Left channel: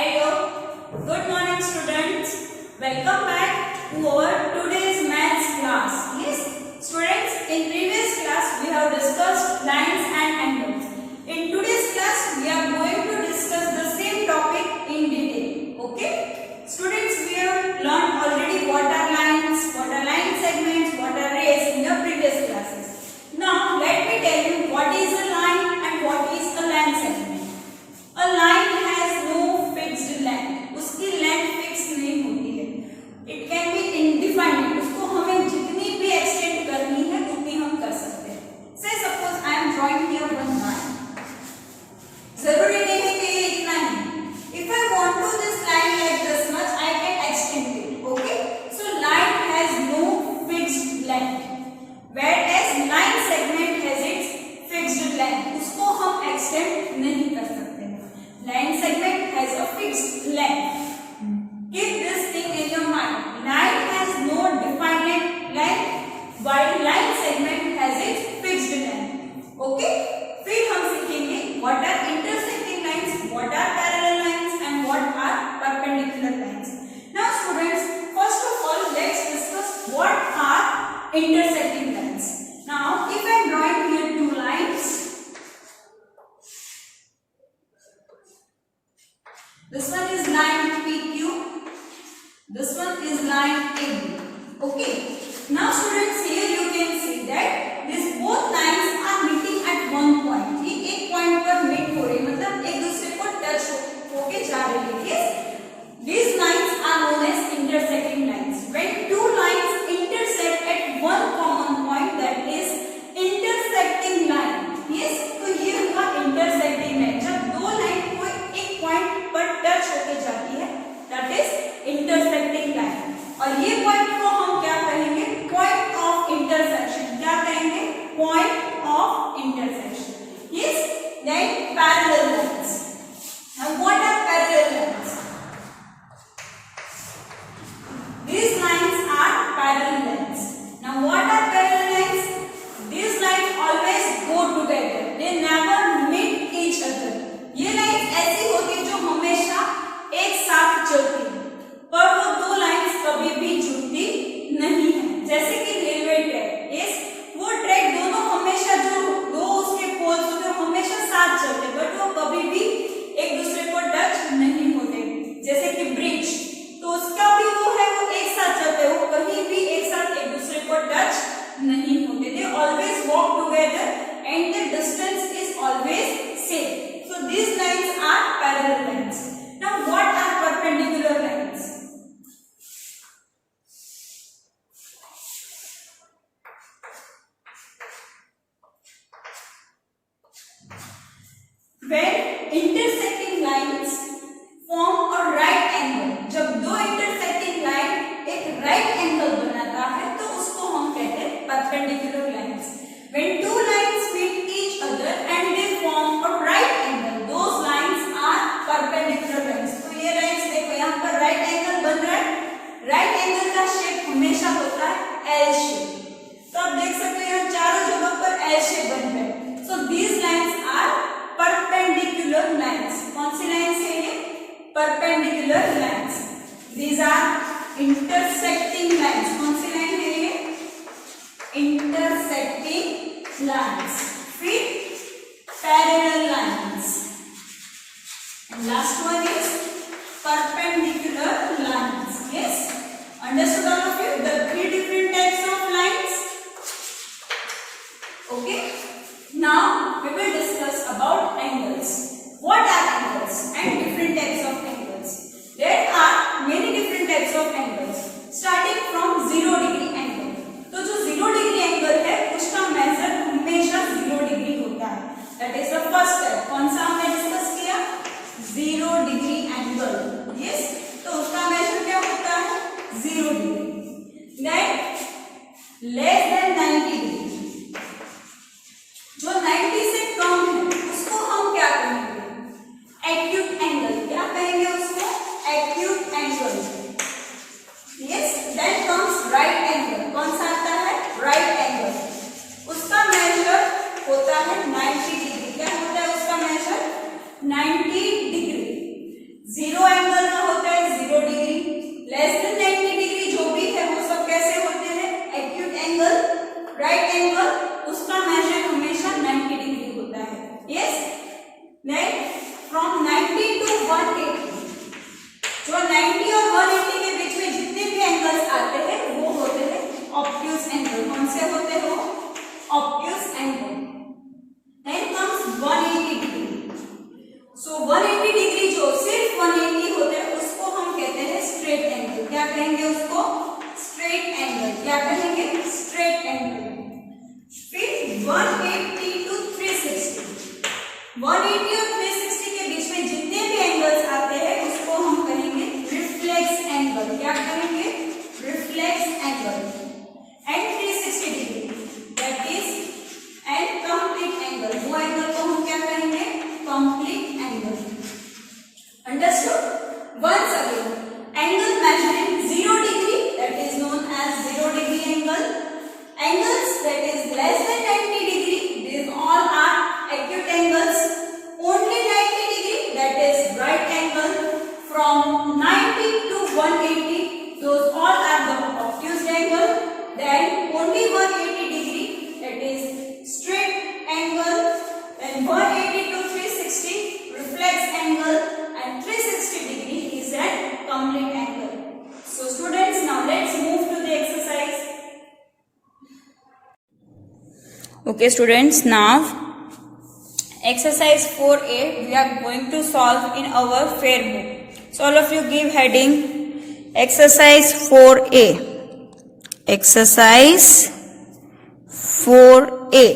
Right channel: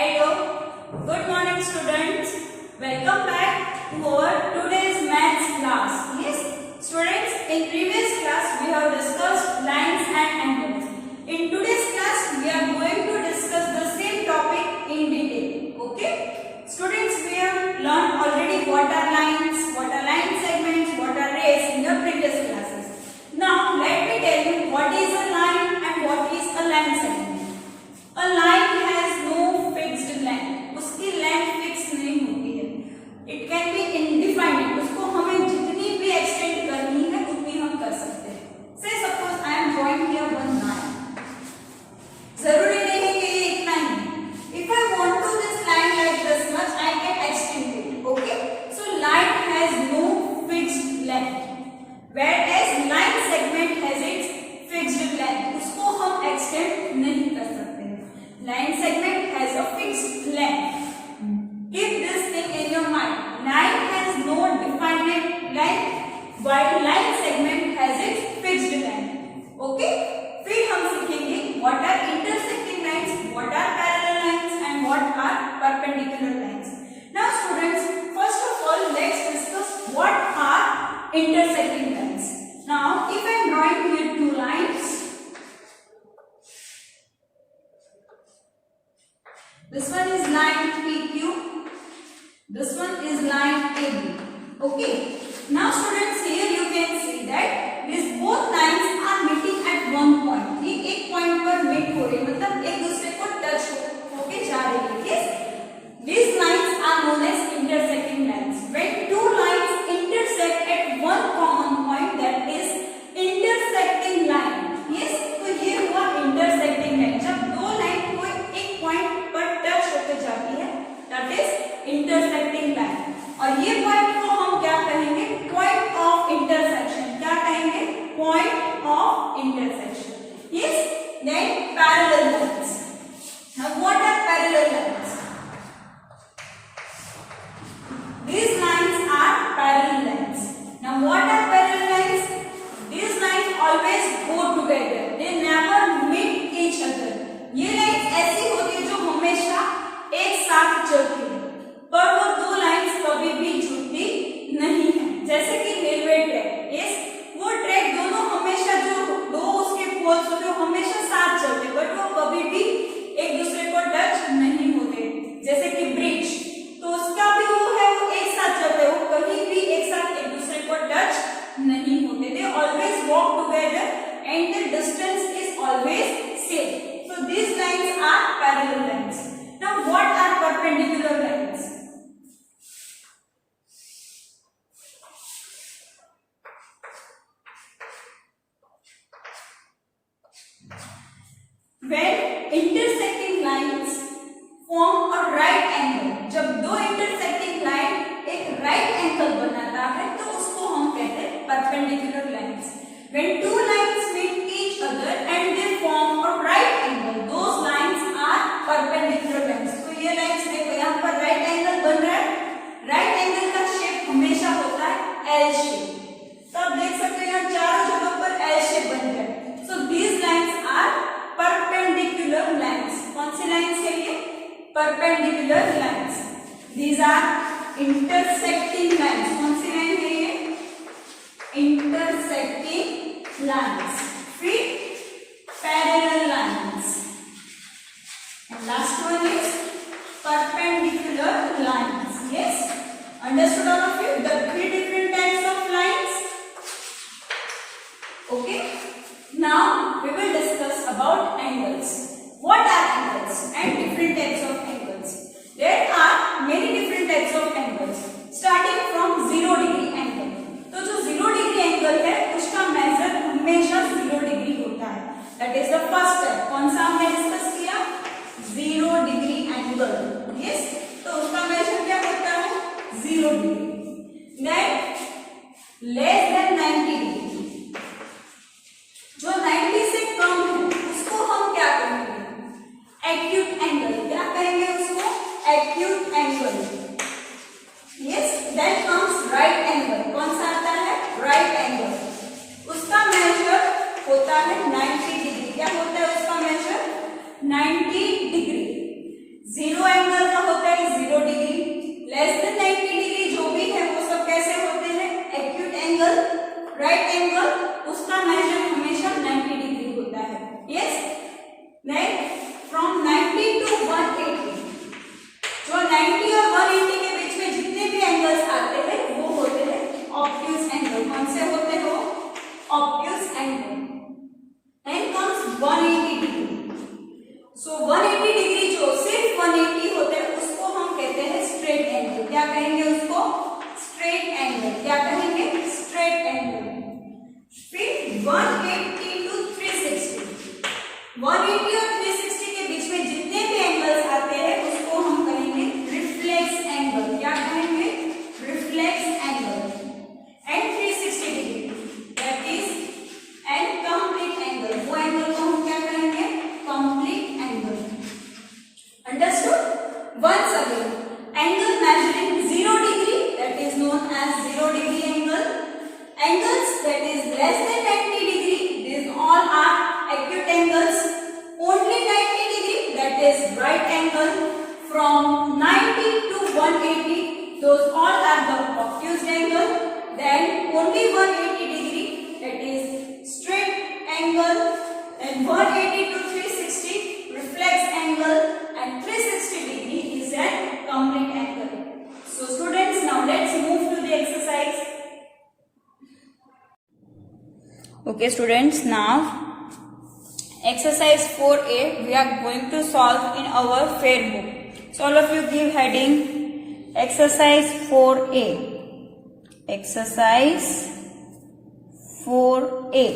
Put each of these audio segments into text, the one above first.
Hello, good morning students. Welcome back to our today's maths class. Yes, students, in previous class we have discussed lines and angles. In today's class we are going to discuss the same topic in detail. Okay, students, we have learned already what are lines, what are line segments, what are rays in your previous classes. Now let me tell you what is a line and what is a line segment. A line has no fixed length. उसकी length fix नहीं होती है. It can be indefinite. उसको हमें जितनी भी extend करनी है उतनी हम कर सकते हैं. Say suppose I am drawing here one line. जरूरी नहीं है कि ये इतना ही. If I want to this line like this much, I can extend it. Okay? So line has no fixed length. Whereas line segment has its fixed length. उसको हम extend नहीं कर सकते. Line segment has a fixed length. Keep this thing in your mind. Line has no definite length, while line segment has its fixed length. Okay? फिर हम सीखेंगे what are intersecting lines, what are parallel lines, and what are perpendicular lines. Now, students, first of all, let's discuss what are intersecting lines. Now, if I am drawing here two lines. This one is line PQ. This one is line AB. Okay. Now, students, here you can see that these both lines are meeting at one point. ये एक point पर meet हो रही है, मतलब एक दूसरे को touch होके जा रही है. Yes. These lines are known as intersecting lines. When two lines intersect at one common point, that is intersecting line. Yes. तो ये हुआ intersecting line. जब दो line कोई एक point पर टच होकर जाती है, that is intersecting line. और ये पॉइंट को हम क्या कहेंगे? Point of intersection. क्या कहेंगे? Point of intersection. Yes, then parallel lines. Now what are parallel lines? These lines are parallel lines. Now what are parallel lines? These lines always go together. They never meet each other. ये lines ऐसी होती है जो हमेशा एक साथ चलती है, पर वो दो लाइन्स कभी भी जुड़ती नहीं है. जैसे कि रेलवे ट्रैक. यस, वो ट्रैक दोनों हमेशा जो दो उसके पोल्स होते हैं हमेशा साथ चलते हैं, बट वो कभी भी एक दूसरे को टच नहीं होते. जैसे कि ब्रिज, तो उसका भी वो है, वो एक साथ चलते हैं, वो कहीं भी एक साथ एक दूसरे को टच नहीं होते. They always walk together and the distance is always same. So these lines are parallel lines. Now what are perpendicular lines? When intersecting lines form a right angle. जब दो intersecting line एक right angle बनाता है तो उसको हम कहते हैं perpendicular lines. When two lines meet each other and they form a right angle, those lines are perpendicular lines. तो ये lines देखो, यहाँ पर right angle बन रहा है. right angle का शेप हमेशा होता है L shape. तो आप देख सकते हैं यहाँ चारों जगह पर L shape बन रहा है. So these lines are perpendicular lines. कौन सी lines है ये? Perpendicular lines. These are intersecting lines. कौन सी line है ये? Intersecting lines. Three parallel lines. And last one is perpendicular lines. Yes, understood all of you the three different types of lines? Okay. Now we will discuss about angles. What are angles and different types of angles? There are many different types of angles. Starting from 0 degree angle. तो जो 0 degree angle है उसका major हमेशा 0 degree होता है. That is the first type. कौन सा हमने डिस्कस किया? 0 डिग्री एंगल. यस, तो उसका मेजर क्या होता है? 0 degree. Than less than 90 degree. जो 90 से कम है उसको हम क्या कहेंगे? Acute angle. क्या कहेंगे उसको? Acute angle. Yes, then comes right angle. कौन सा आता है? Right angle. उसका मेजर होता है 90 डिग्री. क्या होता है उसका मेजर? 90 डिग्री. 0 180 डिग्री जो सिर्फ 180 होते हैं उसको हम कहते हैं स्ट्रेट एंगल। क्या कहेंगे उसको? Straight angle. क्या कहेंगे? Straight angle. फिर 180 टू 360, 180 और 360 के बीच में जितने भी एंगल्स आते हैं उसको हम कहेंगे रिफ्लेक्स एंगल। क्या कहेंगे? Reflex angle. And 360 degree that is and complete angle. वो एंगल को हम क्या कहेंगे? Complete angle. Understood? Once again, angle measuring 0 degree that is known as 0 degree angle. Angles that is less than 90 degree, these all are acute angles. Only 90 degree that is right angle. From 90 to 180, those all are the obtuse angle. Then only 180 degree that is straight angle. Then 180 to 360 reflex angle, and 360 degree is a complete angle. So students, now let's move to the exercise. Okay students, now exercise 4a we are going to solve in our fair book. So all of you give heading exercise 4a. Exercise 4a.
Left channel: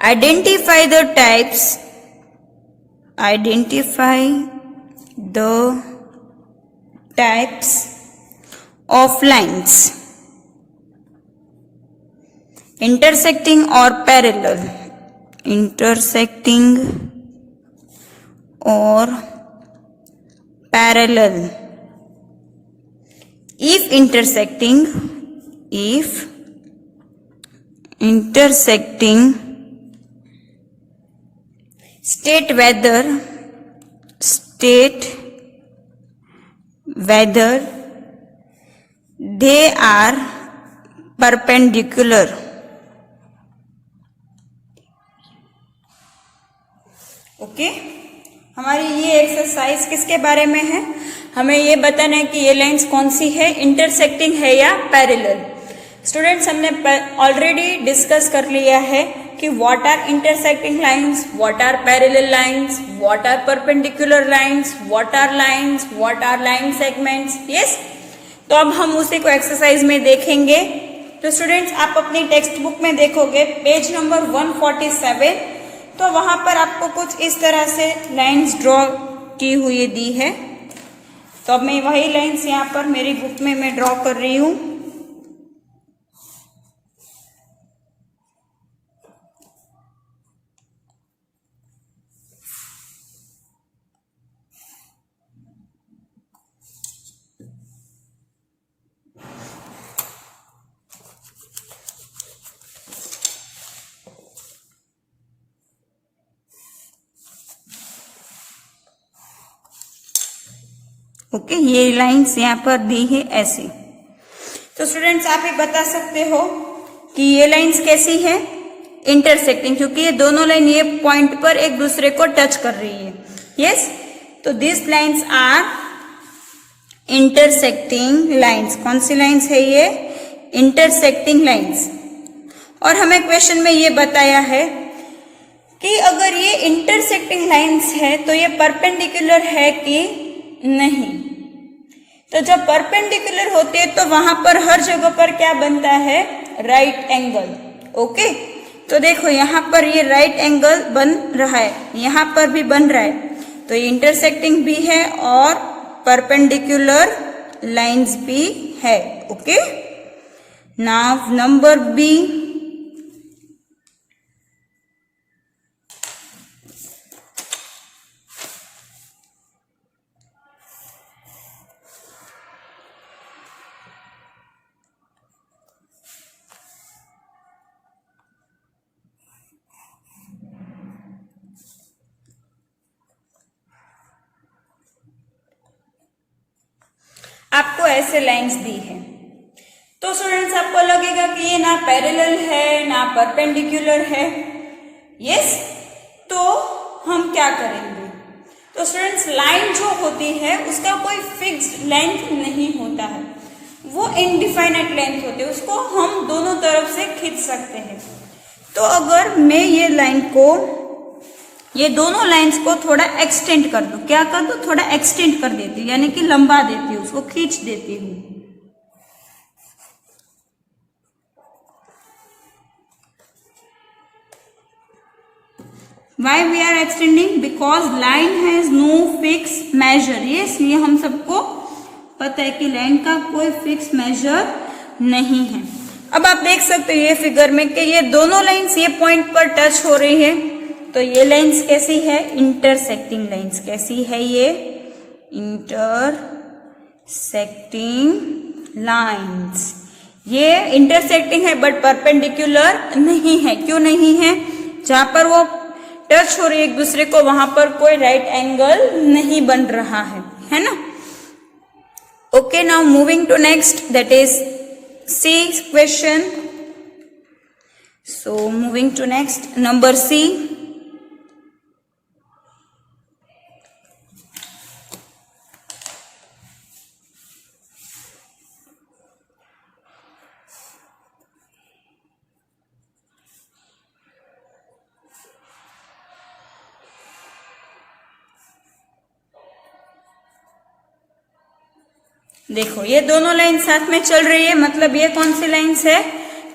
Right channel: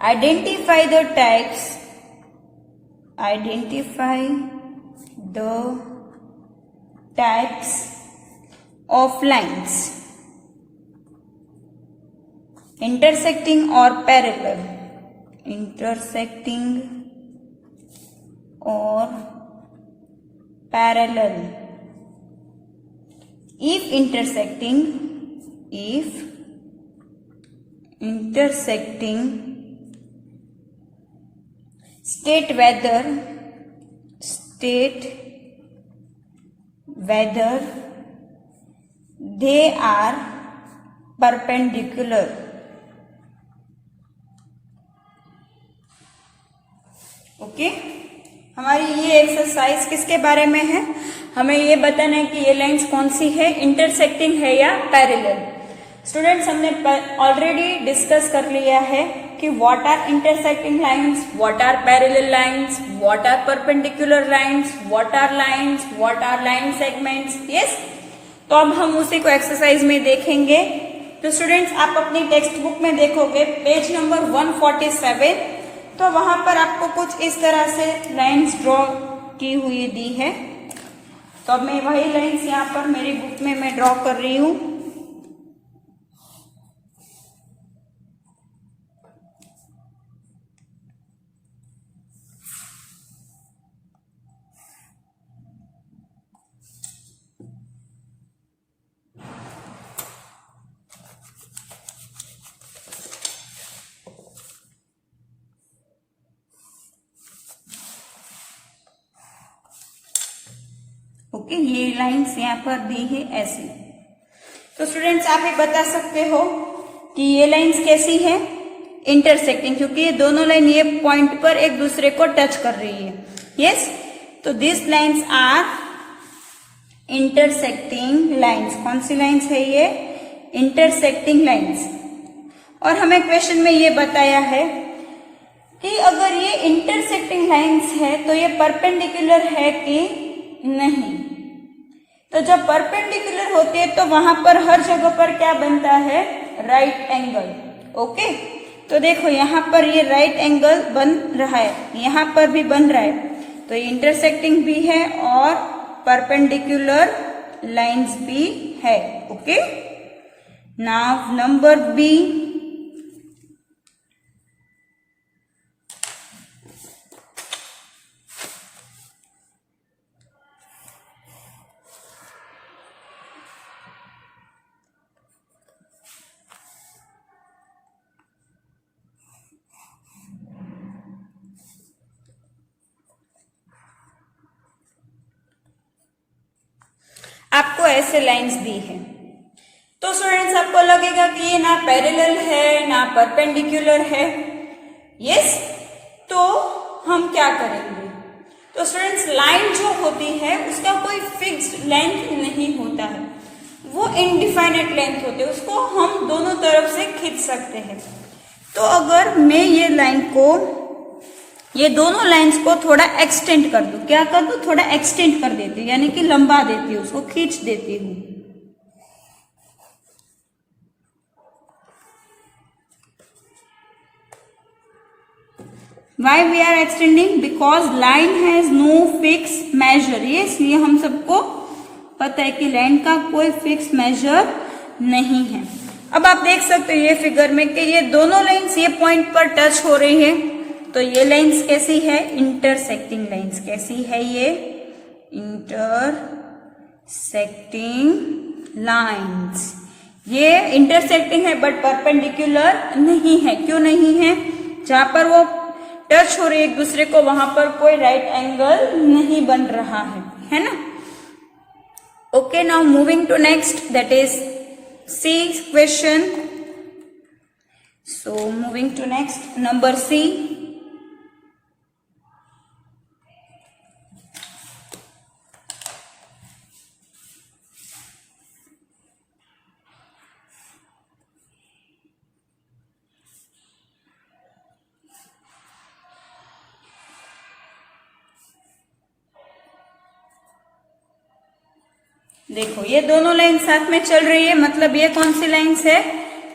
Identify the types. Identify the types of lines. Intersecting or parallel. Intersecting or parallel. If intersecting, state whether they are perpendicular. Okay, हमारी ये exercise किसके बारे में है? हमें ये बताना है कि ये लाइंस कौन सी है, इंटरसेक्टिंग है या पैरेलल। स्टूडेंट्स, हमने ऑलरेडी डिस्कस कर लिया है कि what are intersecting lines, what are parallel lines, what are perpendicular lines, what are lines, what are line segments. Yes, तो अब हम उसी को एक्सरसाइज में देखेंगे। तो स्टूडेंट्स, आप अपनी टेक्स्ट बुक में देखोगे पेज नंबर 147, तो वहां पर आपको कुछ इस तरह से लाइंस ड्रॉ की हुई दी है। तो अब मैं वही लाइंस यहाँ पर मेरी बुक में मैं ड्रॉ कर रही हूं। ओके, ये लाइंस यहाँ पर दी है ऐसी। तो स्टूडेंट्स, आप ये बता सकते हो कि ये लाइंस कैसी है? इंटरसेक्टिंग, क्योंकि ये दोनों लाइन ये पॉइंट पर एक दूसरे को टच कर रही है। यस, तो this lines are intersecting lines. कौन सी लाइंस है ये? Intersecting lines. और हमें क्वेश्चन में ये बताया है कि अगर ये इंटरसेक्टिंग लाइंस है तो ये परपेंडिकुलर है कि नहीं। तो जब परपेंडिकुलर होती है तो वहां पर हर जगह पर क्या बनता है? Right angle. ओके, तो देखो यहाँ पर ये राइट एंगल बन रहा है, यहाँ पर भी बन रहा है, तो ये इंटरसेक्टिंग भी है और परपेंडिकुलर लाइंस भी है। ओके, नाउ नंबर बी, आपको ऐसे लाइंस दी है। तो स्टूडेंट्स, आपको लगेगा कि ये ना पैरेलल है ना परपेंडिकुलर है। यस, तो हम क्या करेंगे? तो स्टूडेंट्स, लाइन जो होती है उसका कोई फिक्स्ड लेंथ नहीं होता है, वो इनडिफाइनेट लेंथ होती है, उसको हम दोनों तरफ से खींच सकते हैं। तो अगर मैं ये लाइन को ये दोनों लाइंस को थोड़ा एक्सटेंड कर दो। क्या कर दो? थोड़ा एक्सटेंड कर देती हूँ, यानी कि लंबा देती हूँ, उसको खींच देती हूँ। Why we are extending? Because line has no fixed measure. ये इसलिए हम सबको पता है कि लाइन का कोई फिक्स मेजर नहीं है। अब आप देख सकते हो ये फिगर में कि ये दोनों लाइंस ये पॉइंट पर टच हो रही है, तो ये लाइंस कैसी है? Intersecting lines. कैसी है ये? Intersecting lines. ये इंटरसेक्टिंग है बट परपेंडिकुलर नहीं है। क्यों नहीं है? जहां पर वो टच हो रही है एक दूसरे को, वहां पर कोई राइट एंगल नहीं बन रहा है ना? Okay, now moving to next, that is C question. So moving to next, number C. देखो ये दोनों लाइन साथ में चल रही है, मतलब ये कौन सी लाइन्स है?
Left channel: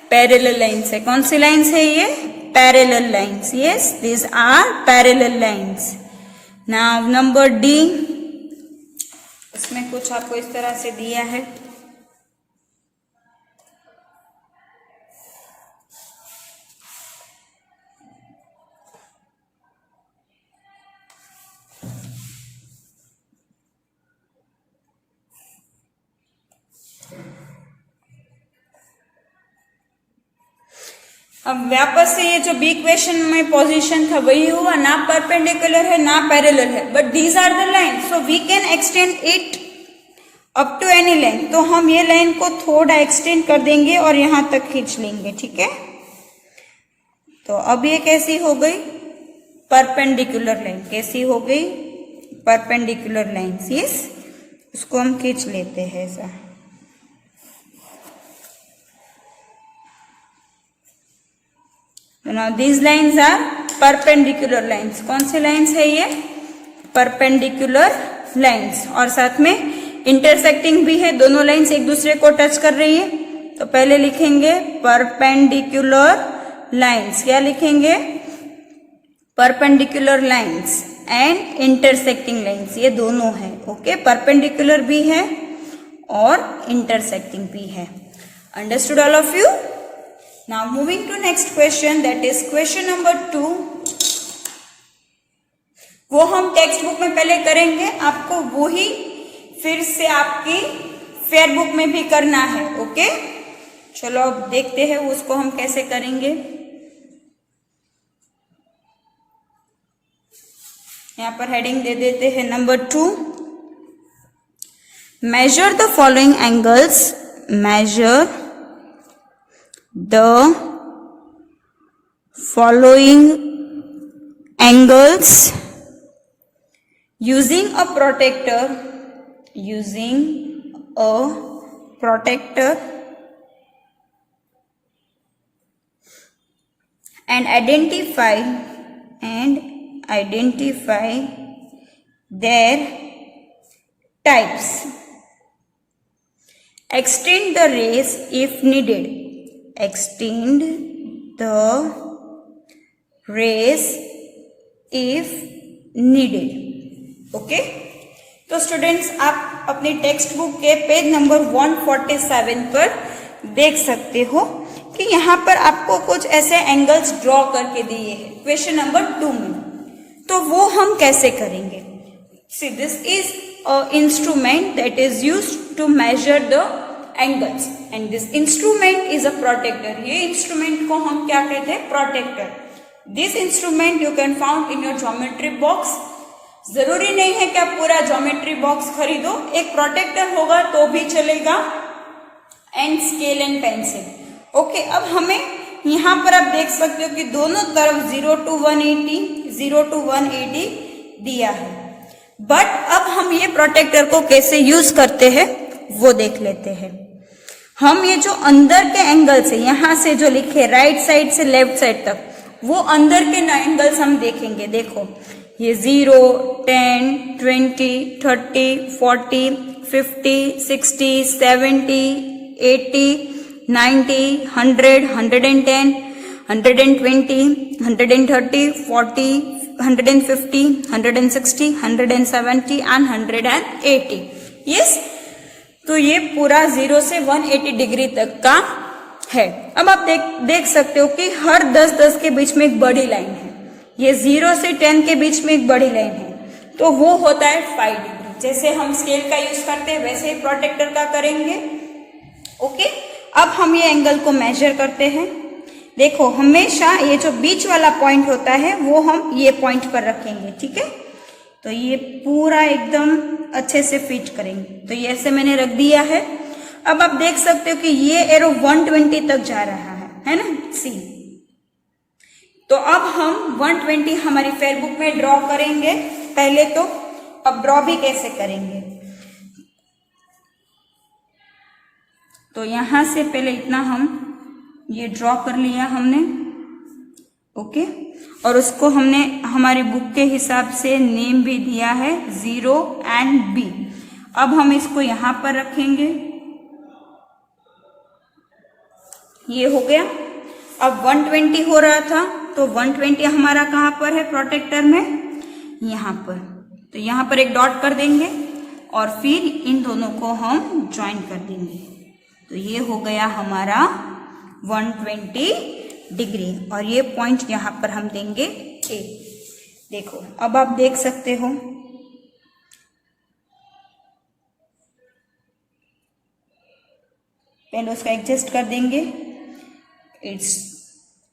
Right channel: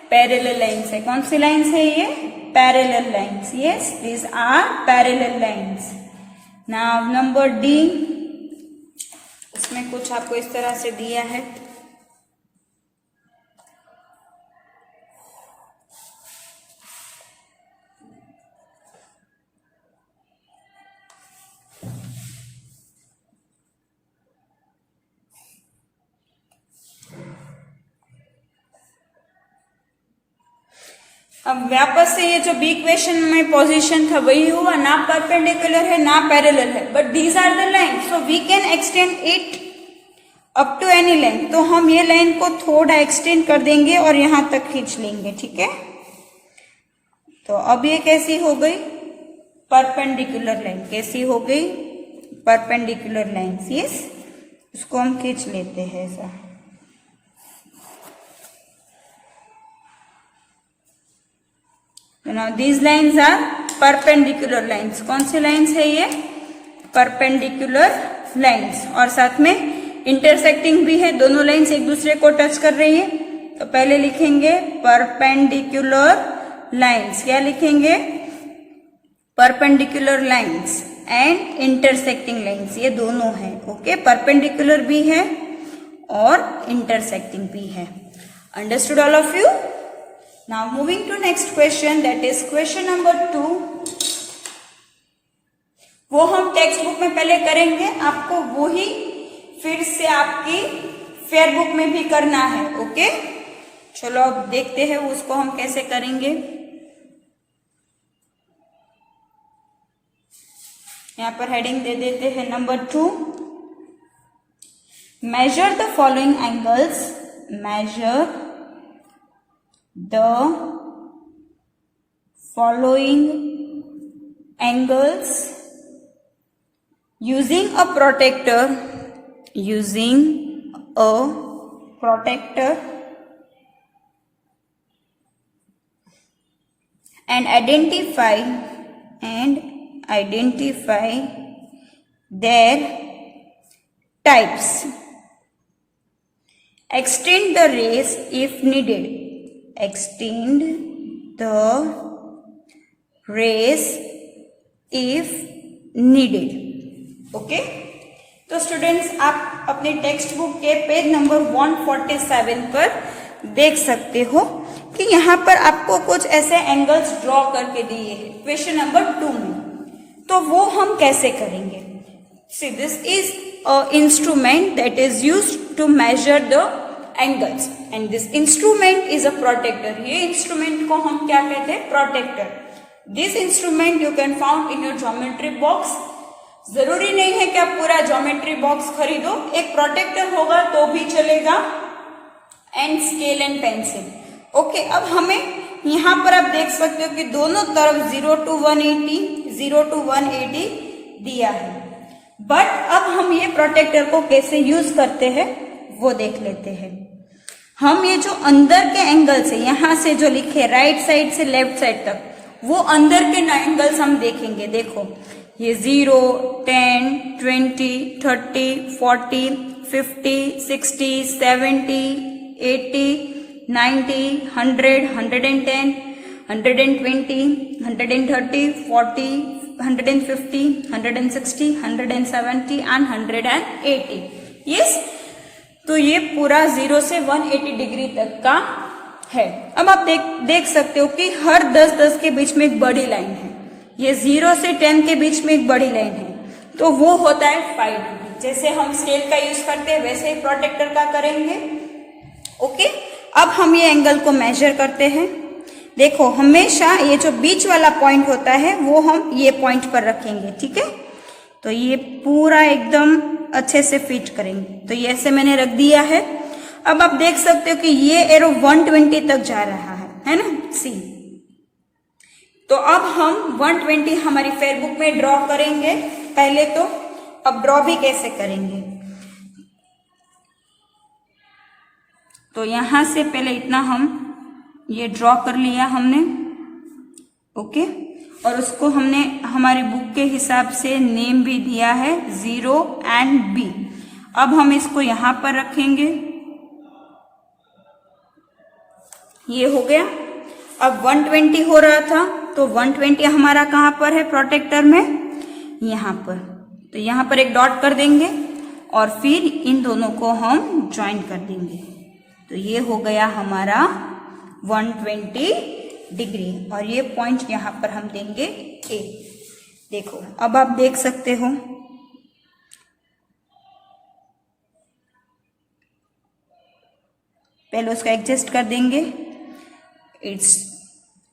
पैरेलल लाइन्स है। कौन सी लाइन्स है ये? Parallel lines. Yes, these are parallel lines. Now number D, इसमें कुछ आपको इस तरह से दिया है। अब वापस से ये जो बी इक्वेशन में पोजीशन था वही हुआ, ना परपेंडिकुलर है ना पैरेलल है, but these are the line, so we can extend it up to any line. तो हम ये लाइन को थोड़ा एक्सटेंड कर देंगे और यहां तक खींच लेंगे, ठीक है? तो अब ये कैसी हो गई? Perpendicular line. कैसी हो गई? Perpendicular line. यस, उसको हम खींच लेते हैं ऐसा। Now these lines are perpendicular lines. कौन सी लाइन्स है ये? Perpendicular lines. और साथ में इंटरसेक्टिंग भी है, दोनों लाइन्स एक दूसरे को टच कर रही है। तो पहले लिखेंगे परपेंडिकुलर लाइन्स। क्या लिखेंगे? Perpendicular lines and intersecting lines, ये दोनों है। ओके, परपेंडिकुलर भी है और इंटरसेक्टिंग भी है। Understood all of you? Now moving to next question, that is question number 2. वो हम टेक्स्ट बुक में पहले करेंगे, आपको वो ही फिर से आपकी फेयर बुक में भी करना है। ओके, चलो अब देखते हैं उसको हम कैसे करेंगे। यहां पर हेडिंग दे देते हैं number 2, measure the following angles. Measure the following angles using a protractor, and identify their types. Extend the rays if needed. Extend the rays if needed. Okay, तो स्टूडेंट्स आप अपनी टेक्स्ट बुक के page number 147 पर देख सकते हो कि यहाँ पर आपको कुछ ऐसे एंगल्स ड्रॉ करके दिए हैं क्वेश्चन नंबर 2 में। तो वो हम कैसे करेंगे? See, this is a instrument that is used to measure the angles and this instrument is a protractor. ये इंस्ट्रूमेंट को हम क्या कहते हैं? Protractor. This instrument you can found in your geometry box. जरूरी नहीं है कि आप पूरा ज्योमेट्री बॉक्स खरीदो, एक प्रोटेक्टर होगा तो भी चलेगा, and scale and pencil. Okay, अब हमें यहाँ पर आप देख सकते हो कि दोनों तरफ 0 to 180 दिया है। बट अब हम ये प्रोटेक्टर को कैसे यूज करते हैं वो देख लेते हैं। हम ये जो अंदर के एंगल्स है, यहां से जो लिखे राइट साइड से लेफ्ट साइड तक, वो अंदर के एंगल्स हम देखेंगे। देखो ये 0, 10, 20, 30, 40, 50, 60, 70, 80, 90, 100, 110, 120, 130, 40, 150, 160, 170 एंड 180। यस, तो ये पूरा 0 से 180 डिग्री तक का है। अब आप देख सकते हो कि हर 10-10 के बीच में एक बड़ी लाइन है। ये 0 से 10 के बीच में एक बड़ी लाइन है, तो वो होता है 5 डिग्री। जैसे हम स्केल का यूज करते हैं वैसे ही प्रोटेक्टर का करेंगे। ओके, अब हम ये एंगल को मेजर करते हैं। देखो हमेशा ये जो बीच वाला पॉइंट होता है वो हम ये पॉइंट पर रखेंगे, ठीक है। तो ये पूरा एकदम अच्छे से फिट करेंगे। तो ये ऐसे मैंने रख दिया है। अब आप देख सकते हो कि ये एरो 120 तक जा रहा है ना, सी। तो अब हम 120 हमारी फेयरबुक में ड्रॉ करेंगे पहले तो। अब ड्रॉ भी कैसे करेंगे, तो यहां से पहले इतना हम ये ड्रॉ कर लिया हमने। ओके, और उसको हमने हमारी बुक के हिसाब से नेम भी दिया है 0 एंड B। अब हम इसको यहां पर रखेंगे, ये हो गया। अब 120 हो रहा था, तो 120 हमारा कहां पर है प्रोटेक्टर में, यहां पर। तो यहां पर एक डॉट कर देंगे और फिर इन दोनों को हम ज्वाइन कर देंगे। तो ये हो गया हमारा 120 डिग्री और ये पॉइंट यहां पर हम देंगे A। देखो अब आप देख सकते हो, पहले उसका एडजस्ट कर देंगे। It's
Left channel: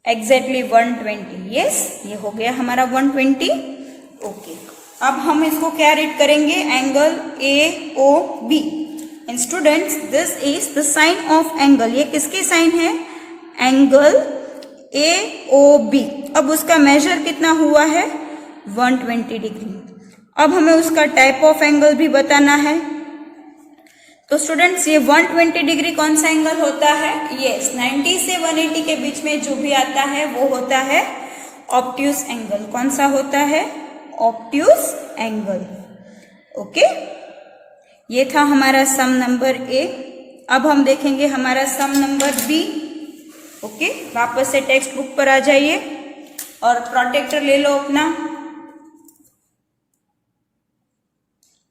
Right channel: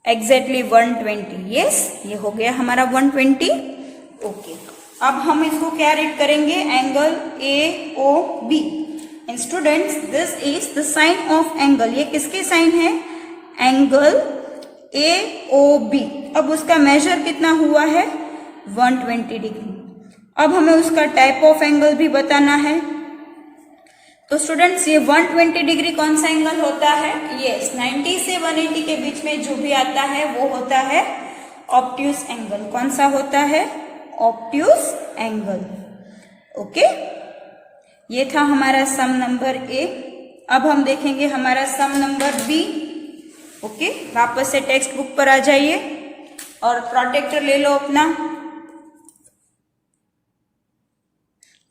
exactly 120। यस, ये हो गया हमारा 120। ओके, अब हम इसको क्या रीड करेंगे, angle AOB। And students, this is the sign of angle. ये किसकी साइन है, एंगल AOB। अब उसका मेजर कितना हुआ है, 120 डिग्री। अब हमें उसका टाइप ऑफ एंगल भी बताना है। तो स्टूडेंट्स, ये 120 डिग्री कौन सा एंगल होता है, यस 90 से 180 के बीच में जो भी आता है वो होता है ऑब्ट्यूस एंगल। कौन सा होता है, ऑब्ट्यूस एंगल। ओके, ये था हमारा सम नंबर A। अब हम देखेंगे हमारा सम नंबर B। ओके, वापस से टेक्स्ट बुक पर आ जाइए और प्रोटेक्टर ले लो अपना।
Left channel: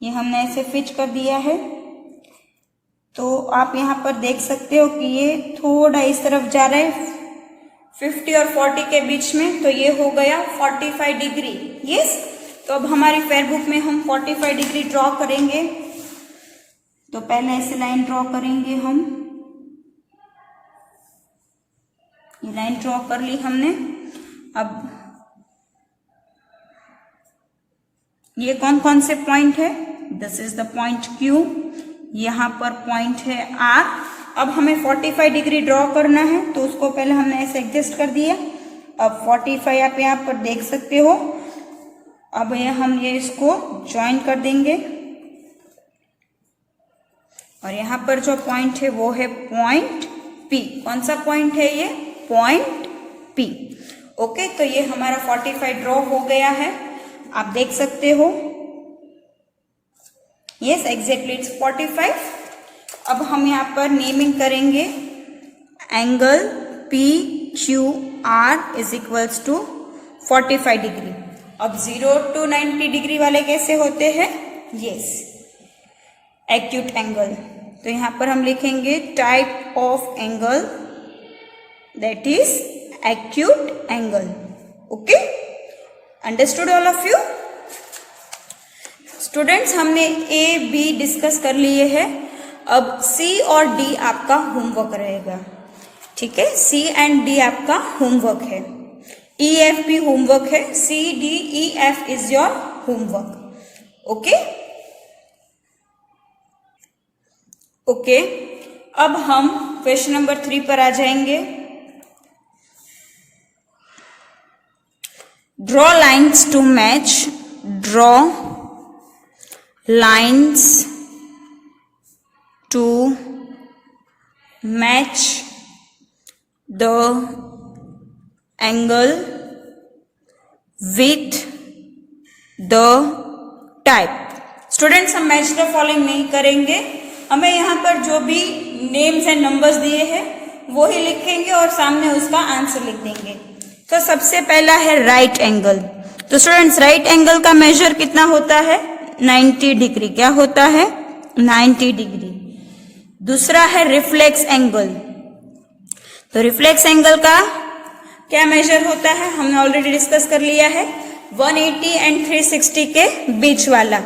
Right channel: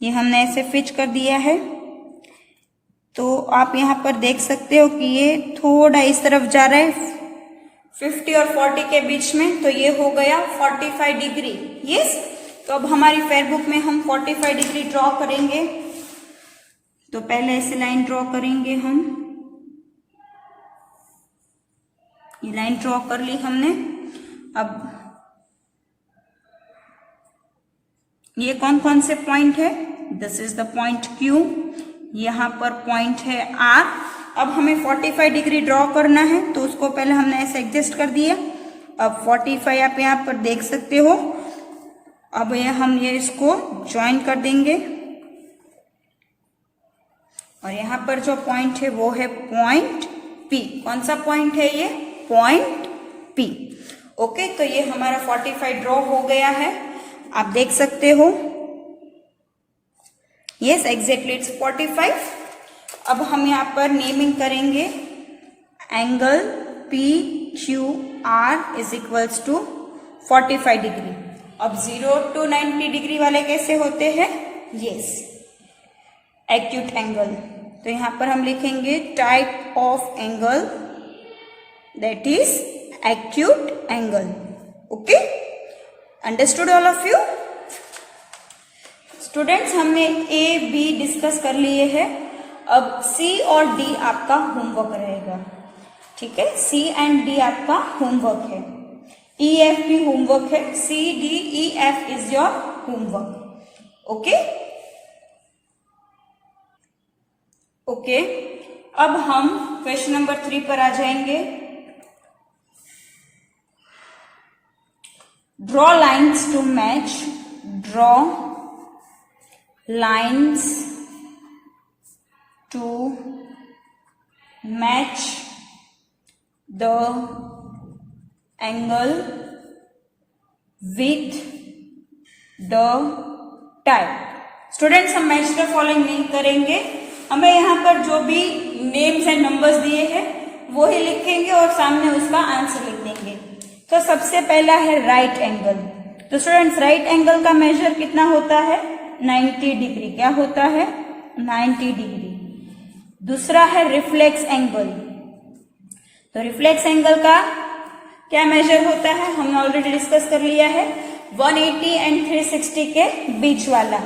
ये हमने ऐसे फिक्स कर दिया है। तो आप यहाँ पर देख सकते हो कि ये थोड़ा इस तरफ जा रहा है 50 और 40 के बीच में, तो ये हो गया 45 डिग्री। यस, तो अब हमारी फेयरबुक में हम 45 डिग्री ड्रॉ करेंगे। तो पहले ऐसे लाइन ड्रॉ करेंगे हम, ये लाइन ड्रॉ कर ली हमने। अब ये कौन कौन से पॉइंट है, this is the point Q, यहां पर पॉइंट है R। अब हमें 45 डिग्री ड्रॉ करना है, तो उसको पहले हमने ऐसे एडजस्ट कर दिया। अब 45 आप यहां पर देख सकते हो। अब हम ये इसको ज्वाइन कर देंगे और यहां पर जो पॉइंट है वो है पॉइंट P। कौन सा पॉइंट है ये, पॉइंट P। ओके, तो ये हमारा 45 ड्रॉ हो गया है, आप देख सकते हो। Yes, exactly it's 45। अब हम यहाँ पर नेमिंग करेंगे, angle PQR is equals to 45 degree. अब 0 to 90 डिग्री वाले कैसे होते हैं, यस एक्यूट एंगल। तो यहाँ पर हम लिखेंगे type of angle, that is acute angle. Okay, understood all of you. Students, हमने A B डिस्कस कर लिए हैं। अब C और D आपका होमवर्क रहेगा, ठीक है। C एंड D आपका होमवर्क है, E F भी होमवर्क है, C D E F is your homework. Okay okay, अब हम क्वेश्चन नंबर 3 पर आ जाएंगे। Draw lines to match, draw lines to match the angle with the type. Students हम मैच द फॉलोइंग नहीं करेंगे, हमें यहाँ पर जो भी नेम्स एंड नंबर्स दिए हैं वो ही लिखेंगे और सामने उसका आंसर लिख देंगे। तो सबसे पहला है राइट एंगल। तो स्टूडेंट्स राइट एंगल का मेजर कितना होता है? 90 डिग्री। क्या होता है? 90 डिग्री। दूसरा है रिफ्लेक्स एंगल। तो रिफ्लेक्स एंगल का क्या मेजर होता है? हमने ऑलरेडी डिस्कस कर लिया है, 180 एंड 360 के बीच वाला।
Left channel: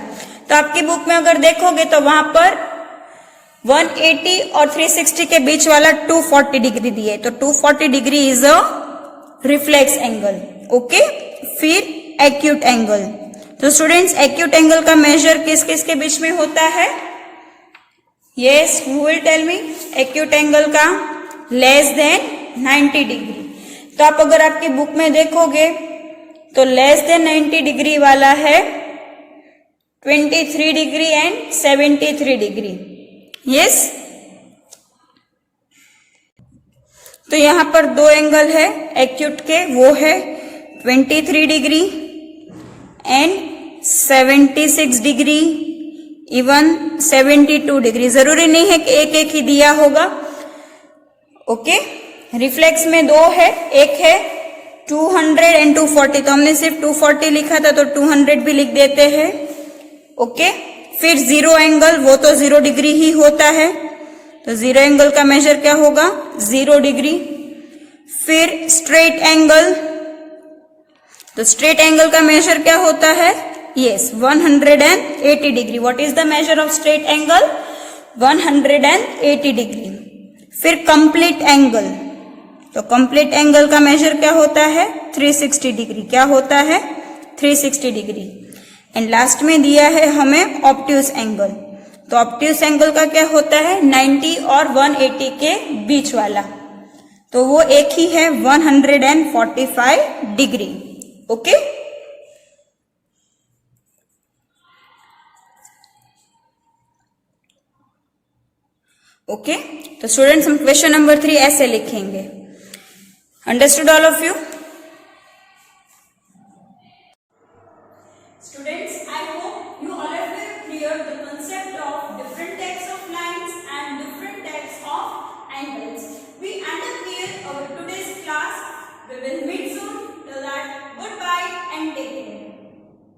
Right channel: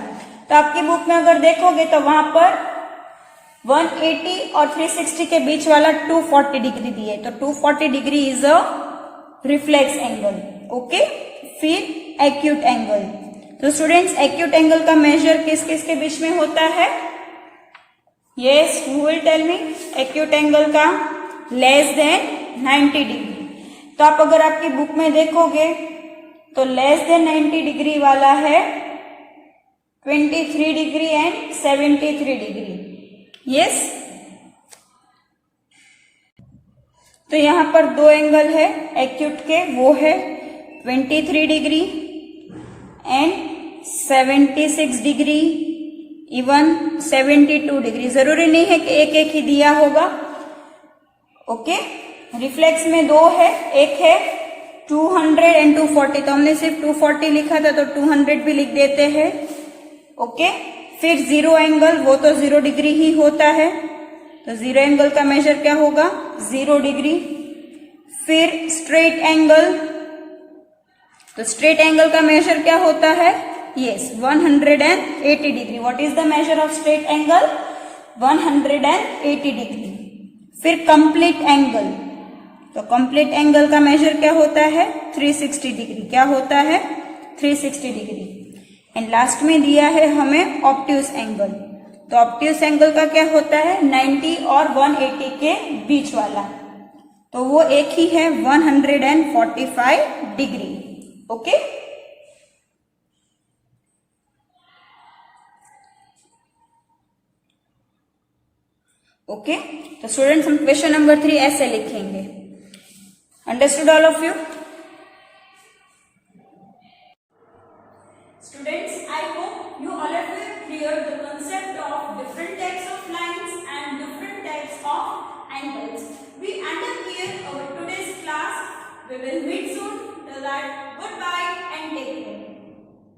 तो आपकी बुक में अगर देखोगे तो वहां पर 180 और 360 के बीच वाला 240 डिग्री दिए, तो 240 degree is a reflex angle. Okay, फिर एक्यूट एंगल। तो स्टूडेंट्स एक्यूट एंगल का मेजर किस किस के बीच में होता है? Yes, who will tell me? Acute angle का लेस देन 90 डिग्री। तो आप अगर आपकी बुक में देखोगे तो लेस देन 90 डिग्री वाला है 23 डिग्री एंड 73 डिग्री। यस, तो यहां पर दो एंगल है एक्यूट के, वो है 23 degree and 76 degree, even 72 degree. जरूरी नहीं है कि एक एक ही दिया होगा। ओके, रिफ्लेक्स में दो है, एक है 200 एंड 240, तो हमने सिर्फ 240 लिखा था तो 200 भी लिख देते हैं। ओके, फिर जीरो एंगल, वो तो 0 डिग्री ही होता है, तो जीरो एंगल का मेजर क्या होगा? 0 डिग्री। फिर स्ट्रेट एंगल, तो स्ट्रेट एंगल का मेजर क्या होता है? Yes, 180 degree. What is the measure of straight angle? 180 degree. फिर कंप्लीट एंगल, तो कंप्लीट एंगल का मेजर क्या होता है? 360 डिग्री। क्या होता है? 360 डिग्री। एंड लास्ट में दिया है हमें ऑब्ट्यूस एंगल। तो ऑब्ट्यूस एंगल का क्या होता है? 90 और 180 के बीच वाला, तो वो एक ही है 145 डिग्री। ओके, ओके, तो स्टूडेंट्स हम क्वेश्चन नंबर 3 ऐसे लिखेंगे। Understood all of you? Students, I hope you all have cleared the concept of different types of lines and different types of angles. We end up here our today's class. We will meet